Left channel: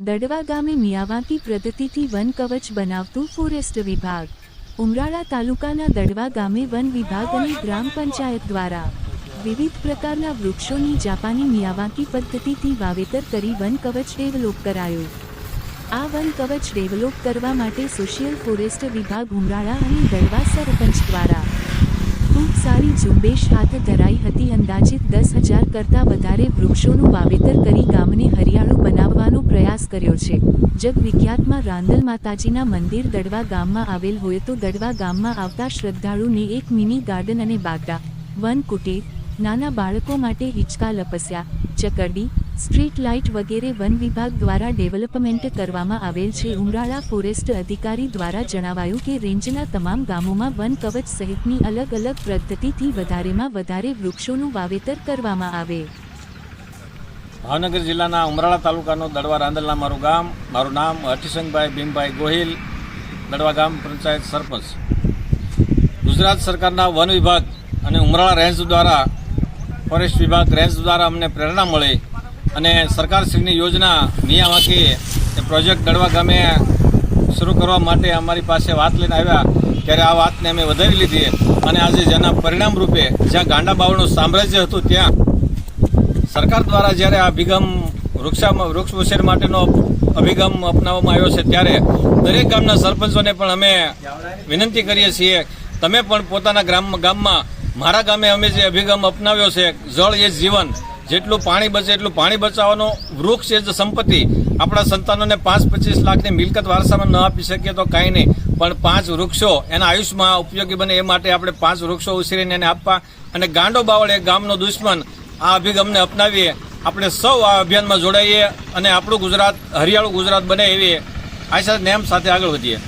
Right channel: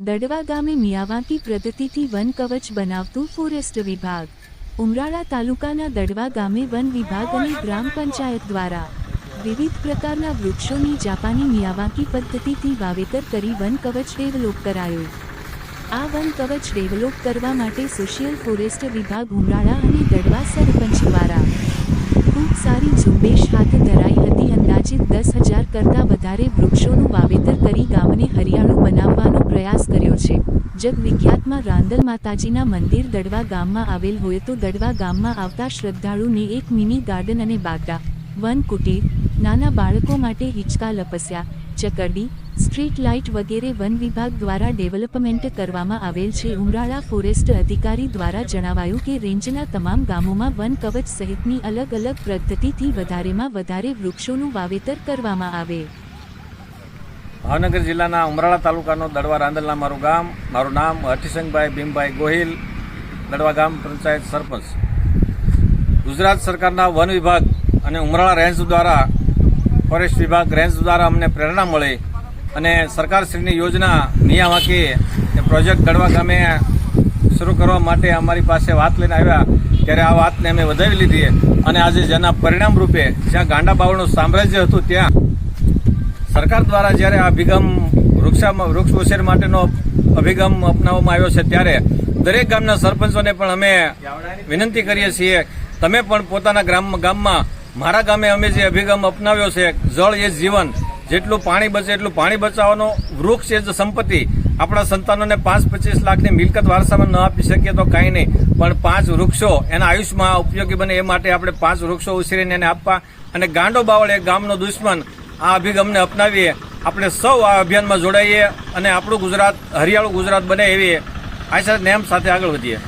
દડવા ગામે મિયાવાકી પદ્ધતિથી વન કવચ બનાવતું ફોરેસ્ટ વિભાગ। ઉમરાળા તાલુકાના દડવા ગામે વન વિભાગ અને ગ્રામ પંચાયત દ્વારા વિવિધ પ્રકારના વૃક્ષોની જાપાની મિયાવાકી પદ્ધતિથી વાવેતર કરી વન કવચ ડેવલપ કરાયું। આ વન કવચ ડેવલપ કરવા માટે સોશિયલ ફોરેસ્ટ વિભાગ ઉમરાળા અને દડવા સરપંચ દ્વારા ખૂબ સારી ઝુંબેશ હાથ ધરાઈ હતી। અંદાજિત 10,000 કરતાં વધારે વૃક્ષોનું વાવેતર કરી ગામને હરિયાળું બનાવવાનો પ્રયાસ કર્યો છે। જગવિખ્યાતમાં રાંદલ માતાજીના મંદિર દડવા ગામમાં આવેલ હોય તો દડવા ગામમાં આવતા શ્રદ્ધાળુને એક મિની ગાર્ડન અને બાગડા, વન કુટીર, નાના બાળકો માટે હિંચકા લપસ્યા, ચકરડી, સ્ટ્રીટ લાઇટ વગેરે વન વિભાગ દ્વારા ડેવલપમેન્ટ કરવામાં આવેલ છે। ઉમરાળા ફોરેસ્ટ અધિકારી દ્વારા જણાવાયું કે રેન્જના તમામ ગામોમાં વન કવચ સહિતની અલગ અલગ પદ્ધતિથી વધારેમાં વધારે વૃક્ષોનું વાવેતર કરવામાં આવે। ભાવનગર જિલ્લાના ઉમરાળા તાલુકાનો દડવા રાંદલના મારું નામ હઠીસંગભાઈ ભીમભાઈ ગોહિલ, દડવા ગામ પંચાયત સરપંચ। ગુજરાત સરકારના વન વિભાગ અને ઉમરાળા રેન્જ દ્વારા ફોરેસ્ટ વિભાગ રેન્જ દ્વારા અમને પ્રેરણા મળી અને સરકારશ્રીની યોજના મિયાવાકી પ્રોજેક્ટ દડવા ગામે શરૂ કરવા માટે અમારી પાસે વાત લઈને આવ્યા ત્યારે આ વાતને અમે વધાવી લીધી અને આજે જેના પરિણામ રૂપે જ્યાં ગાંડા બાવળનું સામ્રાજ્ય હતું ત્યાં સરકાર દ્વારા જ્યારે આ અભિગમ વૃક્ષ ઉછેર માટેનો અભિગમ અપનાવવામાં આવ્યો છે ત્યારે દરેક ગામના સરપંચોને પણ અમે વિનંતી કરીએ છીએ, તમે પણ પોતાના ગામમાં મારા ગામે અમે જે અભિગમ અપનાવ્યો છે, જળ એ જીવન, જેટલું પાણી બચે એટલું પાણી બચાવવાનો, વૃક્ષ એ જ સંપત્તિ। આપણા સંતાનોને 5-25 લાખની મિલકત વારસામાં ન આપી શકીએ તો કાંઈ નહીં, પણ 5 વૃક્ષો એના આયુષ્યમાં ઉપયોગી બને એ માટે આપણે 5 વૃક્ષો ઉછેરીને એને આપવા અને ગાંડો બાવળ એ ગામનો દુશ્મન આ અભિગમને અપનાવીએ। આપણે સૌ આ અભિયાનમાં જોડાઈએ અને આપણું ગુજરાત હરિયાળું ગુજરાત બને એવી આશા નેમ સાથે આગળ વધીએ।